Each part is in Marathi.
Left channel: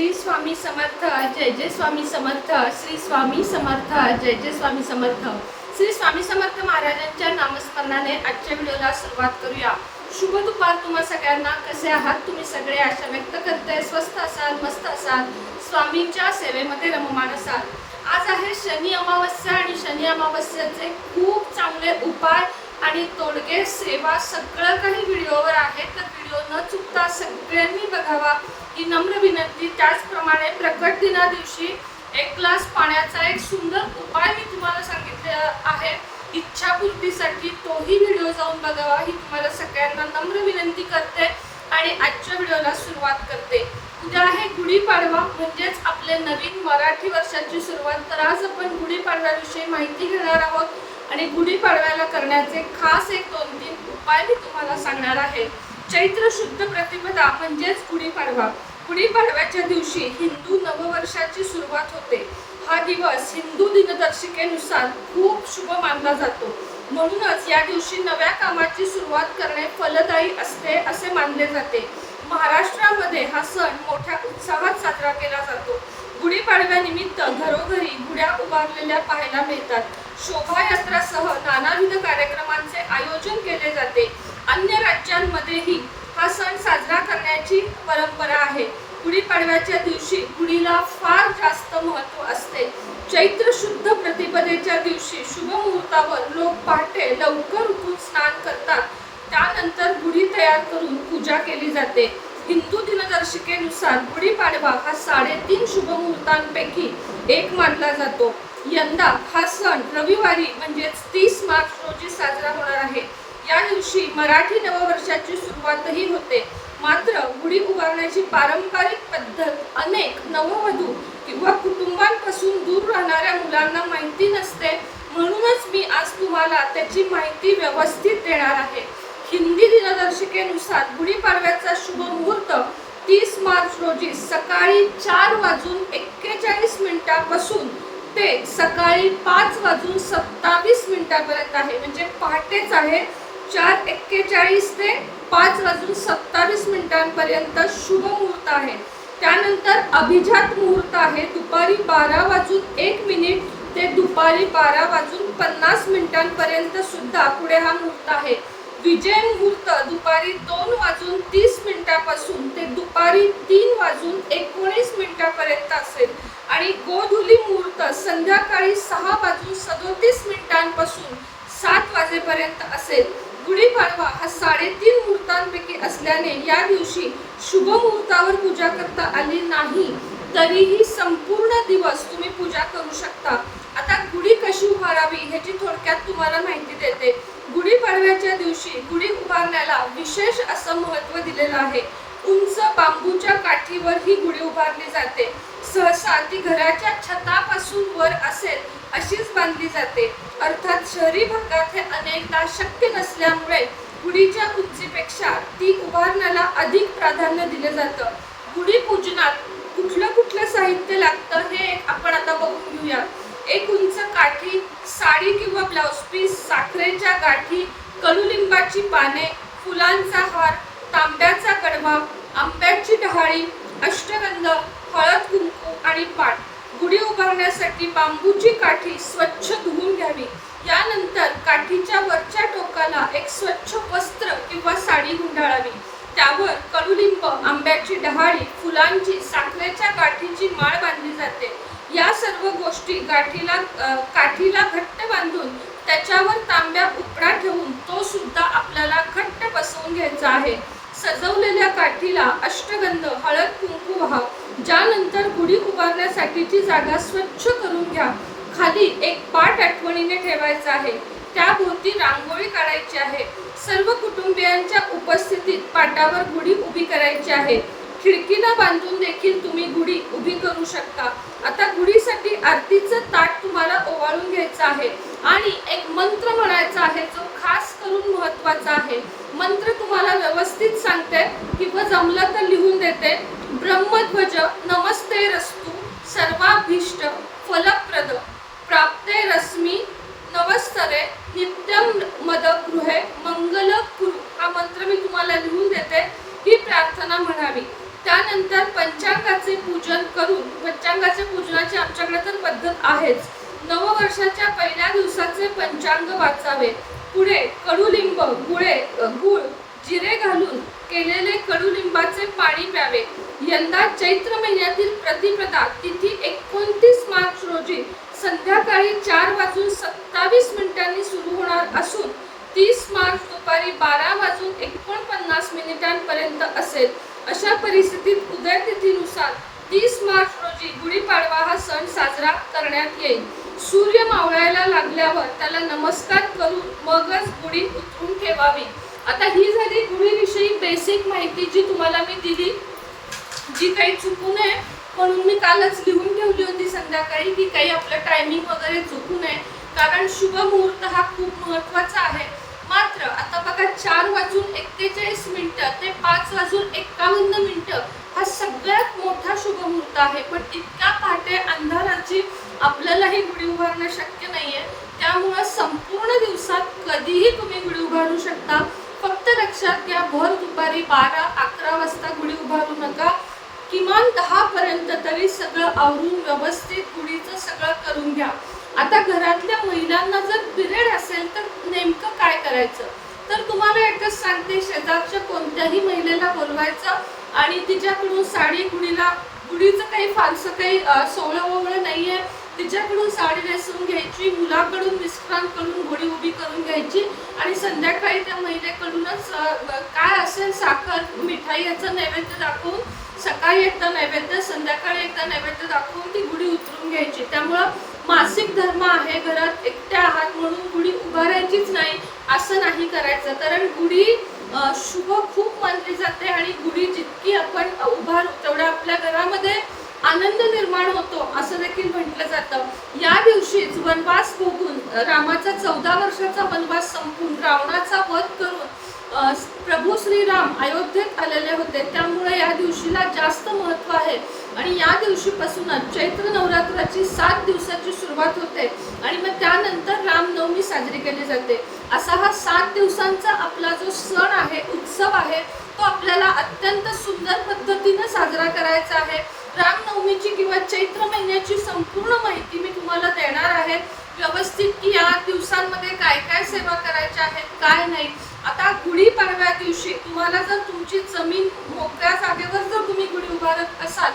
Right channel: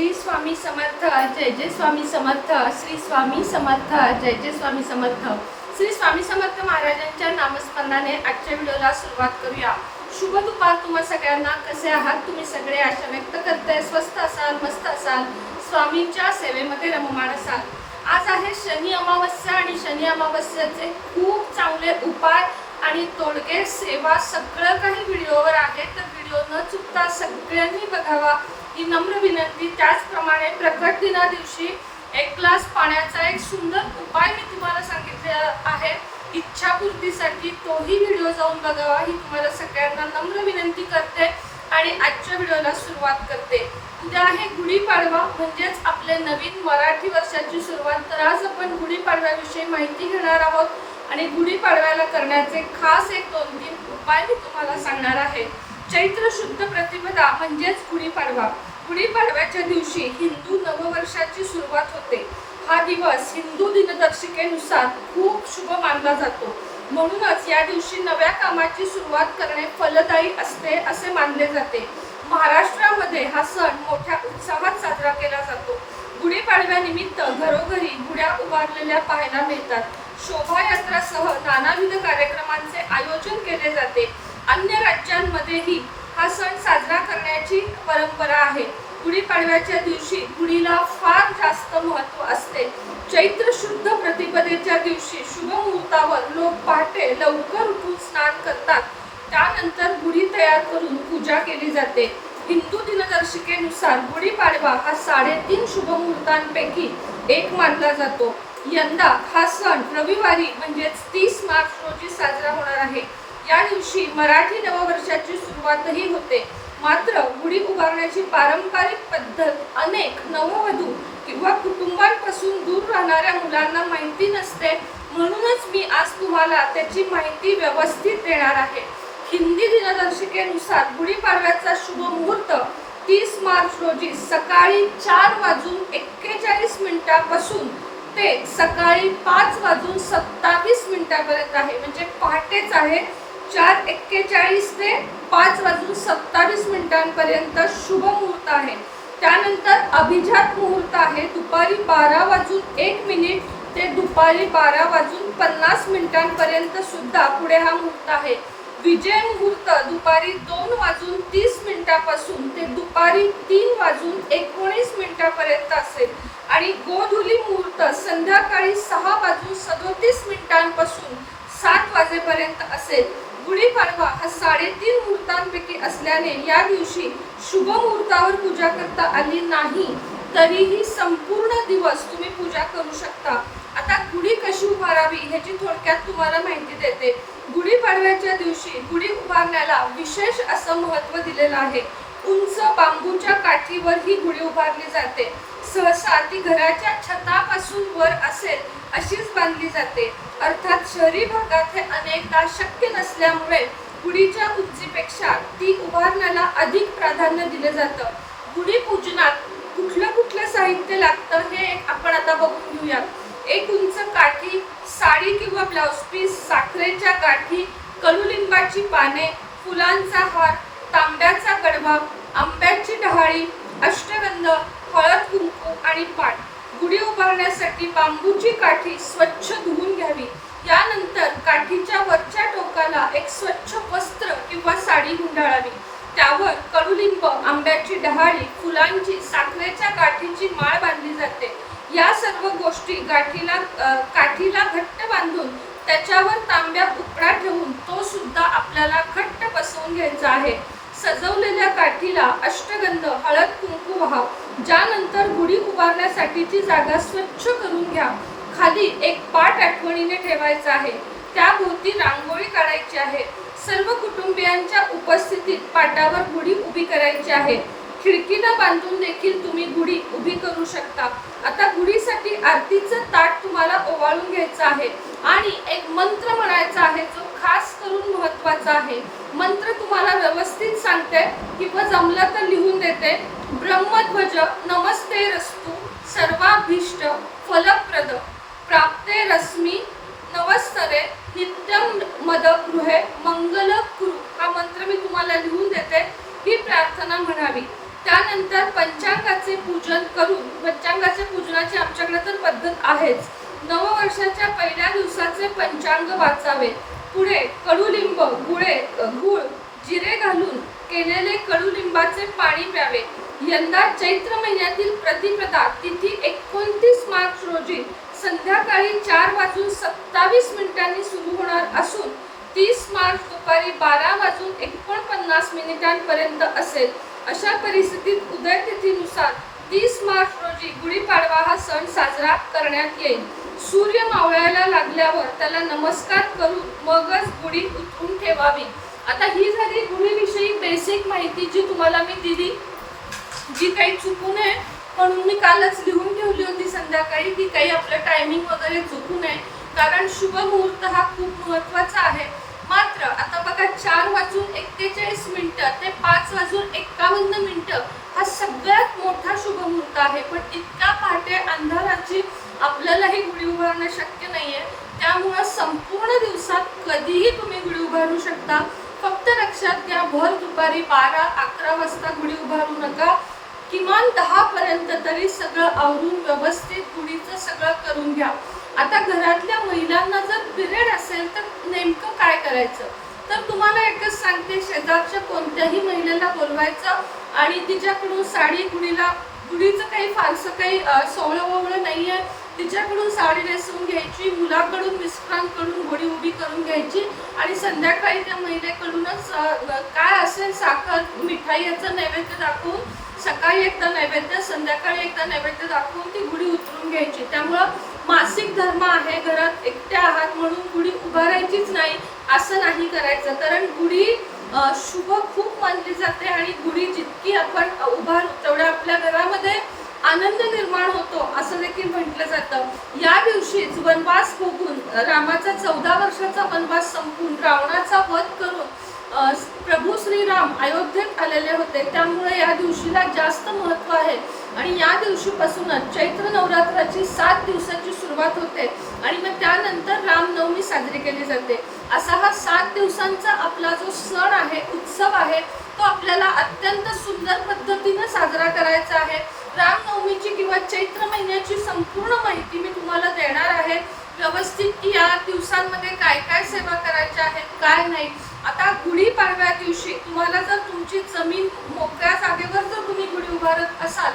श्री स्वामी समर्थ जय जय स्वामी समर्थ श्री स्वामी समर्थ जय जय स्वामी समर्थ. श्री स्वामी समर्थ महाराजांच्या नामस्मरणाने आजच्या व्हिडिओला सुरुवात करूया. शुभ दुपार तुम्हा सगळ्यांना. कसे आहात तुम्ही सगळे? आशा व्यक्त करताय. स्वस्त असाल मस्त असाल. स्वामींच्या सेवेमध्ये रममाण असाल. आज आहे शनी अमावस्या आणि शनी अमावस्याचे खूप चांगले उपाय आणि तोडगे सेवा. सगळं काही व्हिडिओवर आहे. तर व्हिडिओ न चुकता सगळ्यांनी बघावा. ही नम्र विनंती त्याचप्रमाणे प्रकट दिना दिवशी एक ग्लास पाण्याचा एक सुंदर उपाय मी तुम्हाला सांगितलेला आहे. इच्छापूर्तीसाठी तोही व्हिडिओ जाऊन बघावा. ही तुम्हाला सगळ्यांना नम्र विनंती करते आणि आजच्या व्हिडिओला सुरुवात करते. उद्या आहे गुढीपाडवा म्हणजेच आपले नवीन मराठी वर्षाची सुरुवात. तर आज आपण गुढीपाडव्याविषयी माहिती घेणार आहोत आणि गुढीपाडव्याला करण्याचे खास एक दोन तीन उपाय मी तुम्हाला सांगणार आहे. चैत्र शुद्ध प्रतिपदा म्हणजेच गुढीपाडवा. गुढीपाडव्याच्या दिवशी हिंदू नववर्षाची सुरुवात होते. हा दिवस हिंदू दिनदर्शिकेनुसार खूप शुभ मानला जातो. म्हणूनच या दिवशी नव्या कामाची सुरुवात करणे फलदायी असते असे मानले जाते. महाराष्ट्रामध्ये हा सण मोठ्या उत्साहात साजरा केला जातो. गुढीपाडव्यानिमित्त घरोघरी गुढ्या उभारलेल्या पाहायला मिळतात. शोभायात्रासह नानाविध कार्यक्रमांचे आयोजन केले जाते. रात्रीही हा सण साजरा करण्याची परंपरा आहे. गुढीपाडव्याच्या दिवशी गुढीला फार जास्त महत्त्व असते. चैत्र शुद्ध प्रतिपदेच्या दिवशी शुभ मुहूर्तावर लोक पहाटे लवकर उठून स्नान करतात. त्यानंतर गुढी तयार करून पूजा केली जाते. हिंदू दिनदर्शिकेनुसार गुढीपाडवा हा साडेतीन शुभ मुहूर्तांपैकी एक मानला जातो. यंदा हा सण रविवारी म्हणजेच तीस मार्च रोजी साजरा होणार आहे. या दिवशी मराठी नववर्षाची सुरुवातही होते. मात्र गुढी उभारण्याची पारंपरिक पद्धत अनेक नववधू किंवा कुटुंबांपासून दूर राहणाऱ्या मुलांना माहिती नसते. म्हणूनच मी आज तुम्हाला त्याची माहिती व्यवस्थित देणार आहे. हिंदी दिनदर्शिकेनुसार गुढीपाडव्याचा शुभ मुहूर्त तीस मार्च रोजी सकाळी चार वाजून एक्केचाळीस मिनिटापासून ते सकाळी पाच वाजून सत्तावीस मिनिटापर्यंत आहे. म्हणजे पहाटेच आहे. चार एक्केचाळीस ते पाच वाजून सत्तावीस मिनिटांपर्यंत शुभ मुहूर्त आहे. त्यानंतर अभिजात मुहूर्त आहे. दुपारी बारा वाजून एक मिनिट ते दुपारी बारा वाजून पन्नास मिनिटांपर्यंत सुद्धा पुढे हा मुहूर्त आहे. विजय मुहूर्त दुपारी दोन वाजून तीस मिनिटापासून ते दुपारी तीन वाजून एकोणीस मिनिटापर्यंत असेल. आणि गोधुली मुहूर्त संध्याकाळी सहा वाजून सदोतीस मिनिटांपासून सात वाजेपर्यंत असेल. गुढीपाडवा हा साडेतीन मुहूर्तांपैकी असल्याने या दिवशी शुभ मुहूर्तावर पूजा करता आली नाही. तरीही संपूर्ण दिवस तुम्ही पूजा करू शकता. आता गुढी कशी उभारावी ह्याची थोडक्यात तुम्हाला माहिती देते. गुढीपाडव्याच्या दिवशी गुढी उभारण्याला विशेष असं महत्त्व दिलेलं आहे. उंच बांबूच्या काठीवर ही गुढी उभारली जाते. सहसा ती घराच्या छतापासून वर असेल अशीच बांधली जाते. अर्थात शहरी भागात हे अनेकदा शक्य नसल्यामुळे गुढीच्या उंचीपेक्षा ती उभारण्याला अधिक प्राधान्य दिलं जातं. गुढी पूजनात कुठलं कुठलं साहित्य लागतं हे आपण आता बघून घेऊया. एक उंच काठी साडी किंवा ब्लाउज पीस साखरेच्या गाठी कडुलिंबाची पाने फुलांचा हार तांब्याचा कडवा आंब्याची डहाळी अष्टगंध हळद कुंकू आणि पाठ गुढी उभारण्यासाठी बांबूची काठी स्वच्छ धुवून घ्यावी. यानंतर काठीच्या वरच्या टोकाला एक स्वच्छ वस्त्र किंवा साडी गुंडाळावी. त्यावर कडुलिंब आंब्याची डहाळी फुलांची साखरेच्या गाठीची माळ बांधली जाते. या सर्व गोष्टी गाठीला काठीला घट्ट बांधून त्याच्यावर तांब्या उपडा ठेवून तो सुद्धा आपल्याला घट्ट बसवून घ्यायचा आहे. सजवलेल्या काठीला अष्टगंध हळद कुंकू व्हावं. ज्यानंतर गुढी उभारण्यासाठीची जागा स्वच्छ करून घ्या. खाली एक पाट आठवणीने ठेवायचा आहे. त्याभोवती रांगोळी काढायची आहे. सर्व कुटुंबियांच्या उपस्थितीत पाटावर गुढी उभी करायची आहे. खिडकीला बांधून देखील तुम्ही गुढी उभी करू शकता. आता गुढीसाठी आरतीचं ताट तुम्हाला ओवाळून घ्यायचं आहे. आणि एक मंत्र म्हणायचा आहे जो खास करून महत्त्वाचा आहे. मंत्र तुम्हाला व्यवस्थित सांगते किंवा जमलं तर लिहून देते. ब्रह्मध्वज नमस्ते रस्तु सर्वाभीष्ट फलप्रद. प्राप्ते रश्मी नमस्तरे नित्यम मद गृहे मंगल कुरु. हा मंत्र मी तुम्हाला लिहून देते ही प्रार्थना म्हणावी. त्यानंतर पंचांगाचे पूजन करून पंचांगाचे पूजनाचे आमच्याकडे आहेच. नववर्षाच्या पहिल्या दिवसाचे पंचांग वाचावे पुढे कडुलिंब गुळे गुळ जिरे घालून केलेले कडुलिंबाचे पाणी प्यावे. यंदा चैत्र महिन्यातील प्रतिपदा तिथी एकोणतीस मार्च रोजी संध्याकाळी चार वाजून सत्तावीस मिनिटांनी सुरू होणार असून तीस मार्च दुपारी बारा वाजून एकोणपन्नास मिनिटांपर्यंत असेल. अशा परिस्थितीत उदयतिथीनुसार तीस मार्च रोजी गुढीपाडवा हा सण साजरा करण्यात येईल. सूर्य मावळायला लागल्यावर त्याला नमस्कार करून मगच गुढी उतरून ठेवावी. आता ही झाली गुढीविषयी बेसिक माहिती जी तुम्हाला मी दिली. जी काही चुकू नये म्हणून मी कालच लिहून ठेवली होती संध्याकाळी की काही आपलं टायमिंग वगैरे चुकू नये कारण शुभ मुहूर्त हा खूप महत्त्वाचा आहे. मात्र आता बघा चार वाजून एक्केचाळीस मिनिटं ते पाच वाजून एक्कावन्न मिनिटं हा सगळ्यात मोठा शुभमुहूर्त आहे. पण इतक्या पहाटे अंधाराची आपल्यालाही गुढी उभारणं शक्य नाहीये. त्यामुळं संपूर्ण दिवसात कधीही तुम्ही गुढी उभारू शकता. फक्त लक्षात घ्या भर दुपारी बारा अकरा वाजता गुढी उभारू नका. किमान दहा पर्यंत तरी सगळं आवरून व्यवस्थित गुढीचं सगळं करून घ्या. आता घरातल्या महिलांना जर पिरियड असेल तर करायचं. तर तुम्हाला एकच सांगते शेजारच्या कोणत्याही महिलेला बोलवायचं आणि तिच्याकडून साडी गुढीला गुढीचं काही फारसं काही सोहळं वगळं नाही आहे तिच्याकडून साडी नेसून घ्यायची मुलाकडून मिस्टरांकडून गुढी उभी करून घ्यायची आणि संध्याकाळी त्या महिलेकडूनच काय असेल साखर मिठाई याचं नैवेद्य दाखवून सकाळी एकदा नैवेद्य संध्याकाळी एकदा नैवेद्य दाखवून ती गुढी उतरून घ्यायची. त्यामुळं मासिक धर्म आहे घरात एकट्या आहात म्हणून गुढी उभारायचीच नाही असं नाही करायचं. कारण गुढी शुभ खूप मानली जाते आणि गुढी जितकी आपण उभारू तेवढ्या आपल्या घरामध्ये आनंद निर्माण होतो असं देखील म्हटलं जातं. या दिवशीच वनवास भोगून रामाचा चौदा वर्षाचा वनवास संपून रावणाचा वध करून प्रभू श्रीराम अयोध्येत आलेले होते. त्यामुळे या दिवशीला जास्त महत्त्व आहे. आणि या दिवशीपासूनच चैत्र नवरात्राची सात दिवसाची सुरुवात होते आणि मग त्यानंतर रामनवमी साजरी केली जाते. असा हा सात दिवसांचा आपला जो सण आहे उत्सव आहे तो आपल्याला अत्यंत सुंदर पद्धतीनं साजरा करायचा आहे. रामनवमीची किंवा चैत्र महिन्याची संपूर्ण माहिती मी तुम्हाला देणार आहे. व्यवस्थित की या दिवसांमध्ये काय काय सेवा करायच्या आहेत काय नाही. आता गुढीपाडव्या दिवशी तुम्हाला जर तुमची जमीन मोकळ्या जागेवर जर तुम्ही गुढी उभारत असाल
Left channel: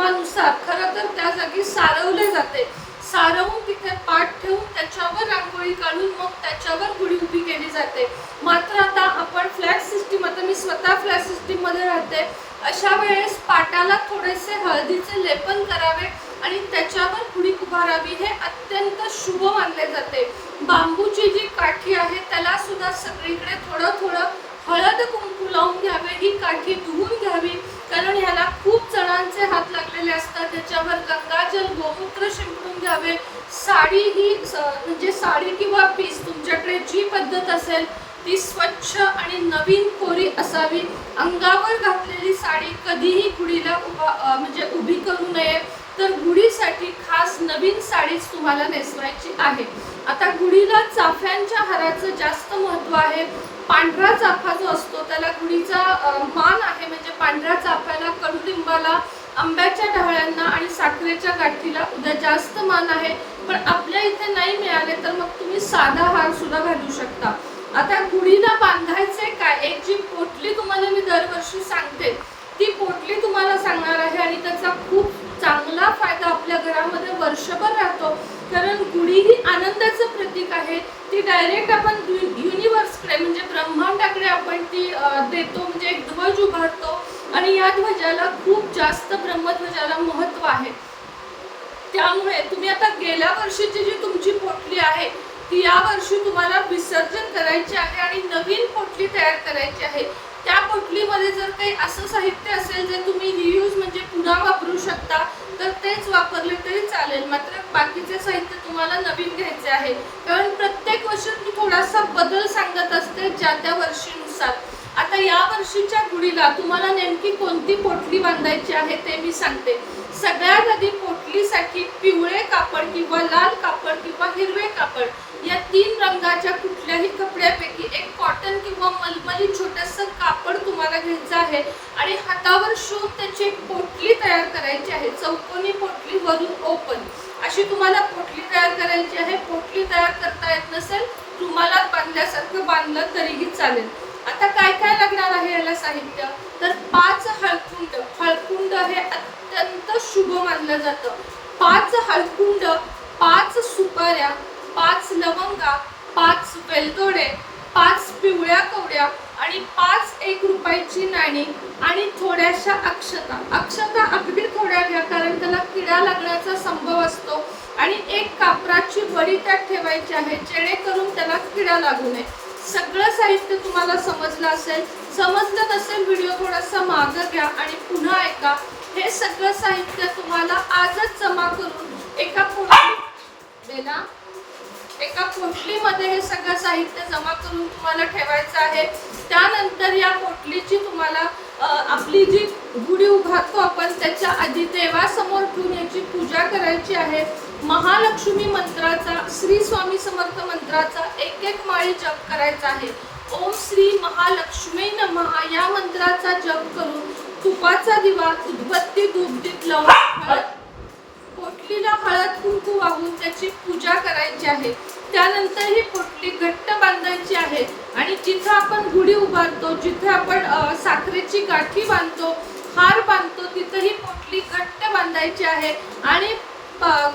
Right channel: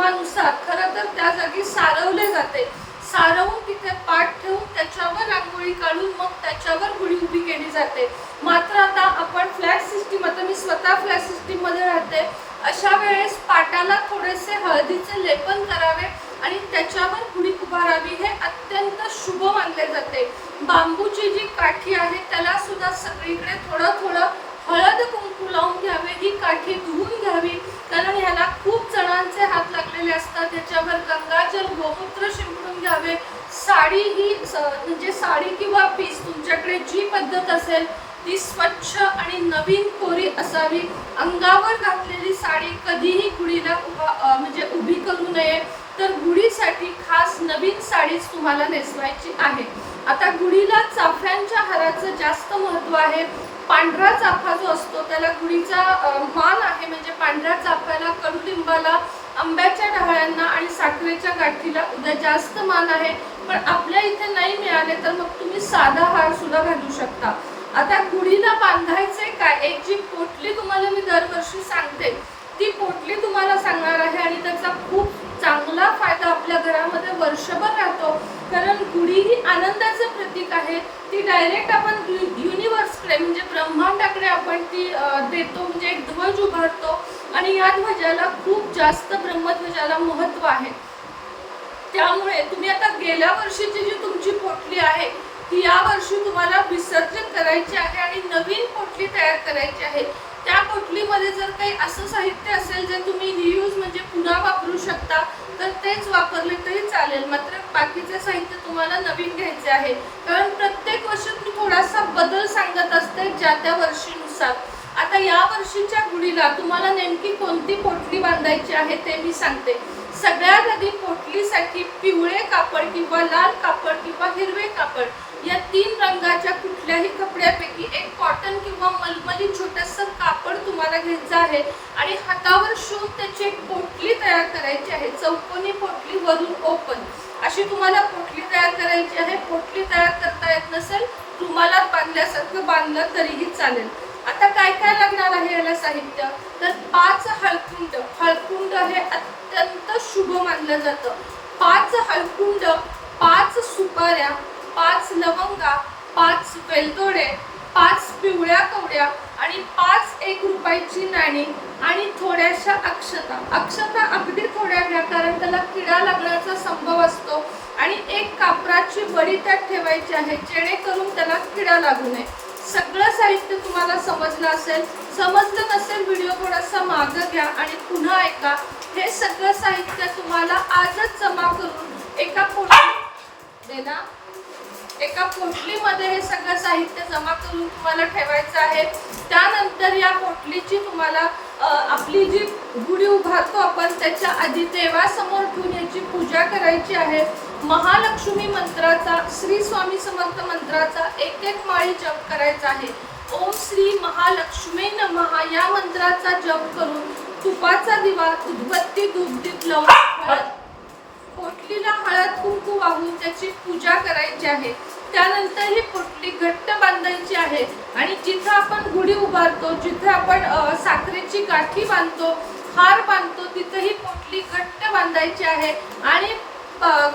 नियमानुसार खरं तर त्या जागी सारवले जाते. सारवून तिथे पाठ ठेवून त्याच्यावर रांगोळी काढून मग त्याच्यावर गुढी उभी केली जाते. मात्र आता आपण फ्लॅट सिस्टीम आता मी स्वतः फ्लॅट सिस्टीममध्ये राहते. अशा वेळेस पाटाला थोडेसे हळदीचे लेपन करावे आणि त्याच्यावर गुढी उभारावी हे अत्यंत शुभ मानले जाते. बांबूची जी काठी आहे त्याला सुद्धा सगळीकडे थोडं थोडं हळद कुंकू लावून घ्यावे ही काठी धुवून घ्यावी. कारण ह्याला खूप जणांचे हात लागलेले असतात. त्याच्यावर गंगाजल गोमूत्र शिंपडून घ्यावे. साडी ही म्हणजे साडी किंवा पीस तुमच्याकडे जी पद्धत असेल ती स्वच्छ आणि नवीन कोरी असावी. अंगावर घातलेली साडी कधीही कुडीला उभा म्हणजे उभी करू नये. तर गुढीसाठी खास नवीन साडीच तुम्हाला नेसवायची आहे. आता गुढीला चाफ्यांच्या हाराचं जास्त महत्त्व आहे. पांढरा चाफा जो असतो त्याला गुढीचा मान आहे म्हणजे पांढऱ्या चाफ्याला कडुलिंबाला आंब्याच्या डहाळ्यांना आणि साखरेच्या गाठीला उद्या जास्त मान आहे. पण आपल्या इथे नाही मिळाले तर मग तुम्ही साधा हार सुद्धा घालू शकता. आता गुढीला बांधायचे काय? एक जी पोटली तुम्हाला मी दरवर्षी सांगते ती पोटली तुम्हाला सांगणार आहे आणि त्याचा खूप चांगला फायदा आपल्या घरामध्ये वर्षभर राहतो. कारण गुढी ही आनंदाचं प्रतीक आहे. ती डायरेक्ट आपण युनिवर्सकडे म्हणजे ब्रह्मांडाकडे आपण ती देतो. म्हणजे एक ध्वज उभारतो. आणि या ध्वजाला खूप जास्त ब्रह्मध्वजाला महत्त्व आहे. त्यामुळे तुम्ही आता गेल्या वर्षीची जी तुमची पोटली आहे ती या वर्षी तुम्हाला विसर्जन करायची आहे आणि नवीन पोटली तयार करायची आहे. त्या पोटलीमध्ये जर काही असं साहित्य असेल जे तुम्ही रियूज म्हणजे पुन्हा वापरू शकता तर तेच वापरले तरी चालेल. मात्र बाकीचे साहित्य तुम्हाला नवीन घ्यायचे आहे. कारण प्रत्येक वर्षी मी थोडासा बदल सांगत असते ज्या त्या वर्षीनुसार. आता या वर्षीच्या गुढीला तुम्हाला नेमकी कोणती पोटली बांधायची आहे ते मी सांगते. सगळ्यात आधी पोटलीसाठी पिवळे कापड किंवा लाल कापड किंवा हिरवे कापड या तीन रंगाच्या कुठल्याही कपड्यापैकी एक कॉटन किंवा मलमली छोटस कापड तुम्हाला घ्यायचं आहे. आणि हातावर शिवून त्याची एक पोटली तयार तयार करायची आहे. चौकोनी पोटली वरून ओपन अशी तुम्हाला पोटली तयार करायची आहे. पोटली तयार करता येत नसेल तुम्हाला बांधल्यासारखं बांधलं तरीही चालेल. आता काय काय लागणार आहे याला साहित्य? तर पाच हळकुंड. हळकुंड हे अत्यंत शुभ मानलं जातं. पाच हळकुंड पाच सुपाऱ्या पाच लवंगा पाच वेलदोडे पाच पिवळ्या कवड्या आणि पाच एक रुपयाची नाणी आणि थोड्याशा अक्षता. अक्षता अगदी थोड्या घ्या कारण त्याला किडा लागण्याचा संभव असतो आणि एक कापराची बळी त्यात ठेवायची आहे जेणेकरून त्याला किडा लागू नये. सगळं साहित्य तुम्हाला समजलं असेल. समजलं नसेल व्हिडिओ थोडासा मागं घ्या आणि पुन्हा ऐका. हे सगळं साहित्य तुम्हाला आजच जमा करून एका पोटली देणार. एका पोटलीमध्ये हे सगळं साहित्य जमा करून तुम्हाला ठेवायचं आहे. त्यानंतर या पोटलीची तुम्हाला आपली जी गुढी उभारतो आपण त्याच्या आधी देवासमोर ठेवून याची पूजा करायची आहे. महालक्ष्मी मंत्राचा श्री स्वामी समर्थ मंत्राचा एक एक माळी जप करायचा आहे. ओम श्री महालक्ष्मी नमः या मंत्राचा जप करून तुपाचा दिवा उदबत्ती धूपदीप लावून पोटलीला हळद कुंकू वाहून त्याची पूजा करायची आहे. त्यानंतर ही पोटली घट्ट बांधायची आहे. आणि जिथं आपण गुढी उभारतो जिथं आपण साखरेची गाठी बांधतो हार बांधतो तिथं ही पोटली घट्ट बांधायची आहे. आणि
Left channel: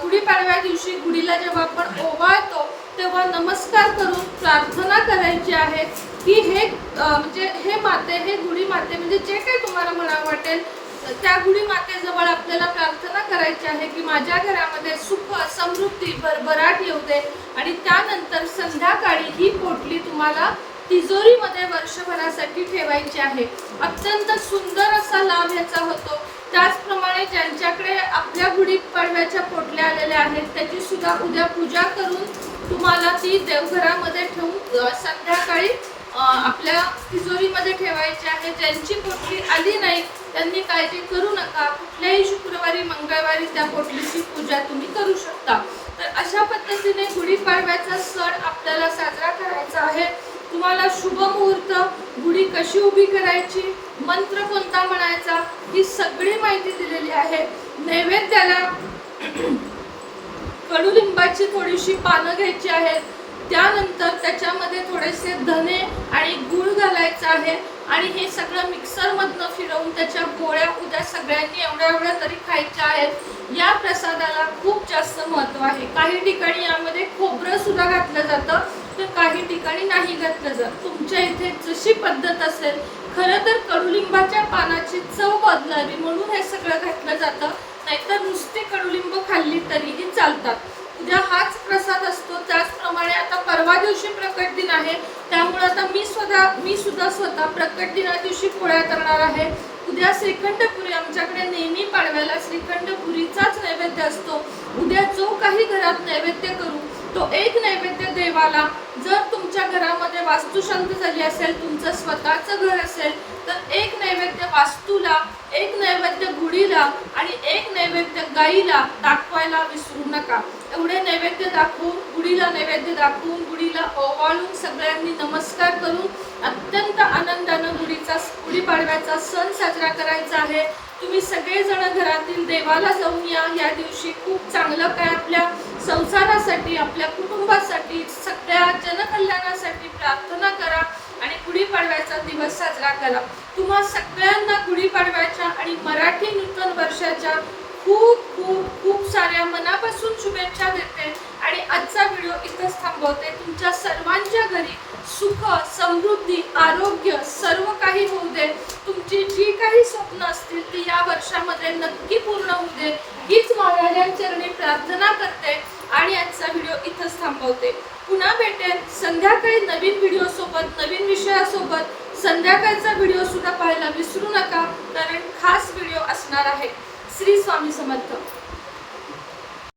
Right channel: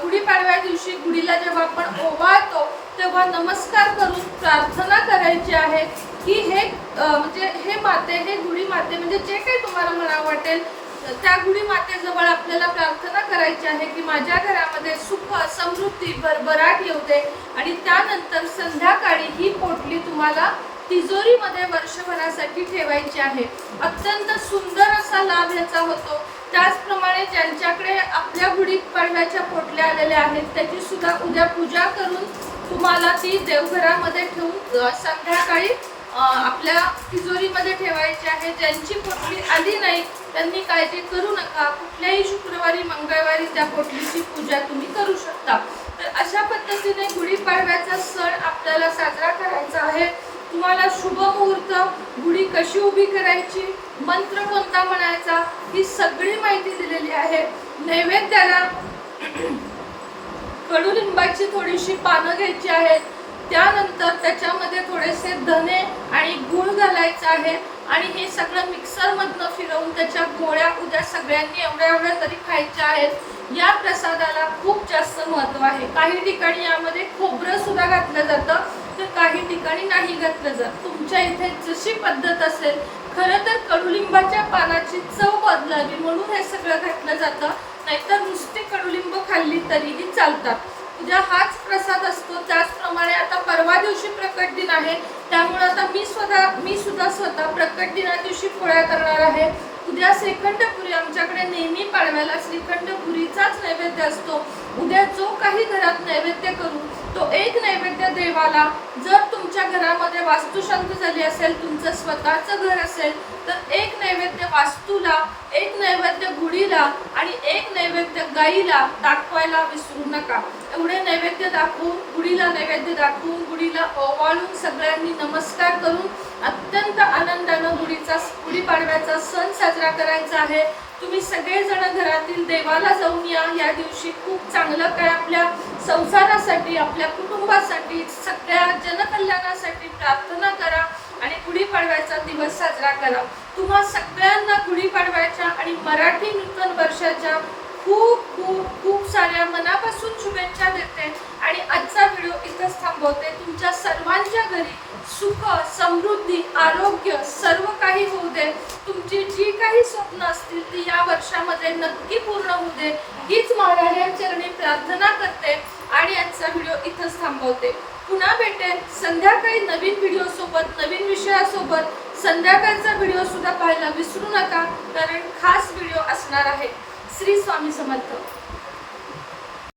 गुढीपाडव्या दिवशी गुढीला जेव्हा आपण ओवाळतो तेव्हा नमस्कार करून प्रार्थना करायची आहे. की हे म्हणजे हे माते हे गुढी माते म्हणजे जे काही तुम्हाला म्हणावं वाटेल त्या गुढी मातेजवळ आपल्याला प्रार्थना करायची आहे की माझ्या घरामध्ये सुख समृद्धी भरभराट येऊ दे आणि त्यानंतर संध्याकाळी ही पोटली तुम्हाला तिजोरीमध्ये वर्षभरासाठी ठेवायची आहे. अत्यंत सुंदर असा लाभ ह्याचा होतो. त्याचप्रमाणे ज्यांच्याकडे आपल्या गुढीत पडव्याच्या पोटल्या आलेल्या आहेत त्याची सुद्धा उद्या पूजा करून तुम्हाला ती देवघरामध्ये ठेवून संध्याकाळी आपल्या तिजोरीमध्ये ठेवायची आहे. ज्यांची पोटली आली नाही त्यांनी काळजी करू नका. कुठल्याही शुक्रवारी मंगळवारी त्या पोटलीची पूजा तुम्ही करू शकता. तर अशा पद्धतीने गुढीपाडव्याचा सण आपल्याला साजरा करायचा आहे. तुम्हाला शुभ मुहूर्त गुढी कशी उभी करायची मंत्र कोणता म्हणायचा ही सगळी माहिती दिलेली आहे. नैवेद्याला कडुलिंबाची थोडीशी पानं घ्यायची आहेत. त्यानंतर त्याच्यामध्ये थोडेसे धने आणि गूळ घालायचं आहे. आणि हे सगळं मिक्सरमधनं फिरवून त्याच्या गोळ्या उद्या सगळ्यांनी एवढ्या एवढ्या तरी खायच्या आहेत. या प्रसादाला खूप जास्त महत्त्व आहे. काही ठिकाणी यामध्ये खोबरं सुद्धा घातलं जातं तर काही ठिकाणी नाही घातलं जात. तुमच्या इथे जशी पद्धत असेल खरं तर कडुलिंबाच्या पानाची चव बदलावी म्हणून हे सगळं घातलं जातं. नाहीतर नुसती कडुलिंब खाल्ली तरीही चालतात. उद्या हाच प्रसाद असतो. त्याचप्रमाणे आता परवा दिवशी प्रकट दिन आहे. त्यामुळे आता मी स्वतः मी सुद्धा स्वतः प्रकट दिना दिवशी पोळ्या करणार आहे. उद्या श्रीखंडपुरी आमच्याकडे नेहमी पाडव्याला श्रीखंडपुरीचाच नैवेद्य असतो. उद्या जो काही घरात नैवेद्य करू तो एक नैवेद्य देवाला जर तुमच्या घरामध्ये वास्तुशांती झाली असेल तुमचं स्वतःचं घर असेल तर एक नैवेद्य वास्तूला एक नैवेद्य गुढीला आणि एक नैवेद्य गाईला दाखवायला विसरू नका. एवढे नैवेद्य दाखवून गुढीला नैवेद्य दाखवून गुढीला ओवाळून सगळ्यांनी नमस्कार करून अत्यंत आनंदानं गुढीचा गुढीपाडव्याचा सण साजरा करायचा आहे. तुम्ही सगळेजण घरातील देवाला जाऊन या. या दिवशी खूप चांगलं काय आपल्या संसारासाठी आपल्या कुटुंबासाठी सगळ्या जनकल्याणासाठी प्रार्थना करा आणि गुढीपाडव्याचा दिवस साजरा करा. तुम्हा सगळ्यांना गुढीपाडव्याच्या आणि मराठी नूतन वर्षाच्या खूप खूप खूप साऱ्या मनापासून शुभेच्छा देते आणि आजचा व्हिडिओ इथंच थांबवते. तुमच्या सर्वांच्या घरी सुख समृद्धी आरोग्य सर्व काही होऊ दे. तुमची जी काही स्वप्न असतील ती या वर्षामध्ये नक्की पूर्ण होऊ दे. हीच महाराजांचरणी प्रार्थना करते आणि आजचा व्हिडिओ इथंच थांबवते. पुन्हा भेटेल संध्याकाळी नवीन व्हिडिओ सोबत नवीन विषयासोबत. संध्याकाळचा व्हिडिओ सुद्धा पाहायला विसरू नका कारण खास व्हिडिओ असणार आहे. श्री स्वामी समर्थ.